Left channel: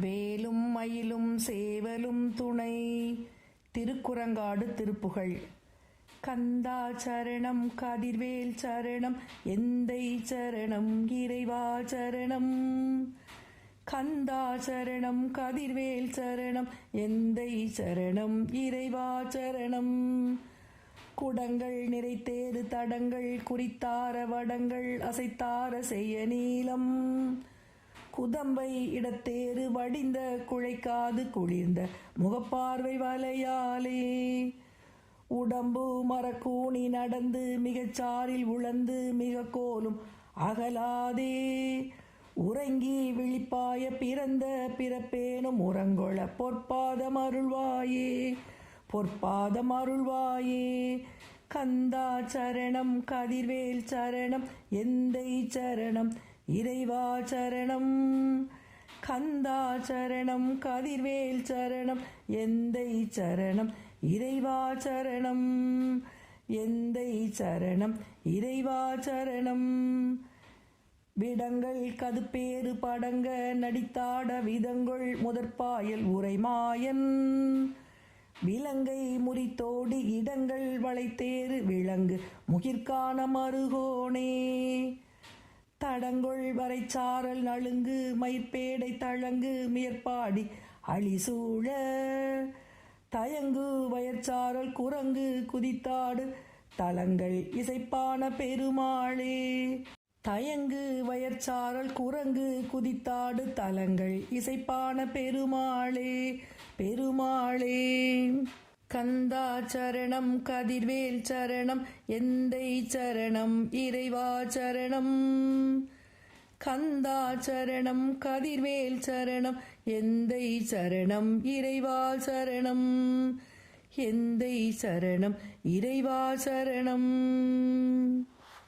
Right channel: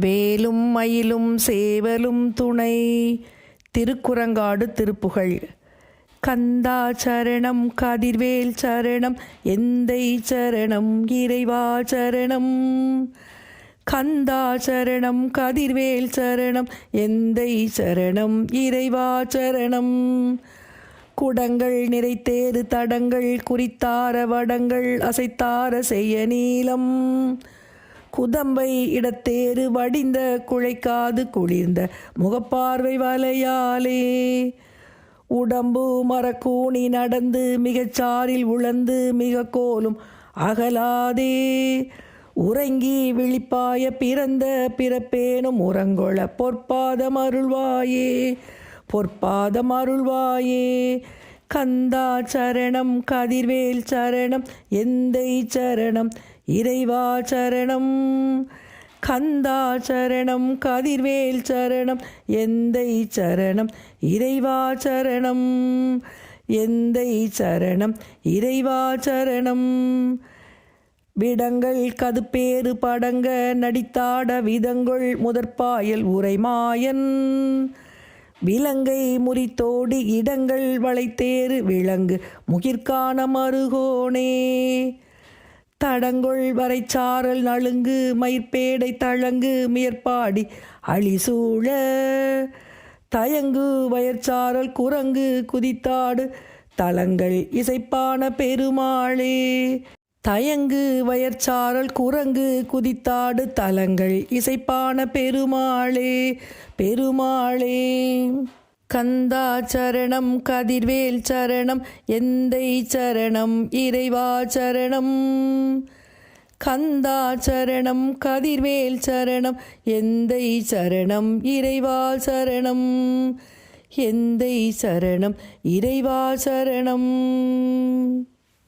வேலும் மயிலும் சேவலும் துணை. திருக்குறங்காடு திருப்புகழ். கந்தா சரணம் கதிர்வேல் சரணம் எந்தை சரணம் இறைவா சரணம். கந்தா சரணம் கதிர்வேல் சரணம் எந்தை சரணம் இறைவா சரணம். குடங்கள் நிறைத்தேறு தடங்கள் குறித்தார வடங்கள் அசைத்தார செய்ய நீளம். குதம்பை இடத்தேறு வடிந்த குழைக்காது குளிர்ந்த முகப்பார்வை வலையாலே. உடம்பு மரக்கூணி நடந்து மிகச்சாரில் உழந்து மிக கோலும் அகலாதே. உறங்கி விழிப்பாய பிறந்த பிறப்பேனும் உறங்கொள பொற்பாதம் அருள்வாயே பொற்பாதம் அருள்வாயே. கந்தா சரணம் கதிர்வேல் சரணம் எந்தை சரணம் இறைவா சரணம். கந்தா சரணம் கதிர்வேல் சரணம் எந்தை சரணம் இறைவா சரணம். எந்தை சரணம் இறைவா சரணம். விடங்கள் கதுப்பேறு படங்க நடித்தாட விதங்கொள் முதற்பாயல் உரைமாயன். விலங்கை முறித்தோடி இடங்கள் வளைத்தேறு விலங்கு முகிற்கான மருகோனே. தடங்கொள் வரைச்சாரல் நலுங்கு மயிர்பேடை தழங்கு மேற்பாடி அழிசூழ. தயங்கு வயற்சாரல் குரங்கு குதித்தாடு தலங்கள் இசைப்பான பெருமாளே. தயங்கு வயற்சாரல் குரங்கு குதித்தாடு தலங்கள் இசைப்பான பெருமாளே பெருமாளே. கந்தா சரணம் கதிர்வேல் சரணம் எந்தை சரணம் இறைவா சரணம். கந்தா சரணம் கதிர்வேல் சரணம் எந்தை சரணம் இறைவா சரணம். எந்தை சரணம் இறைவா சரணம்.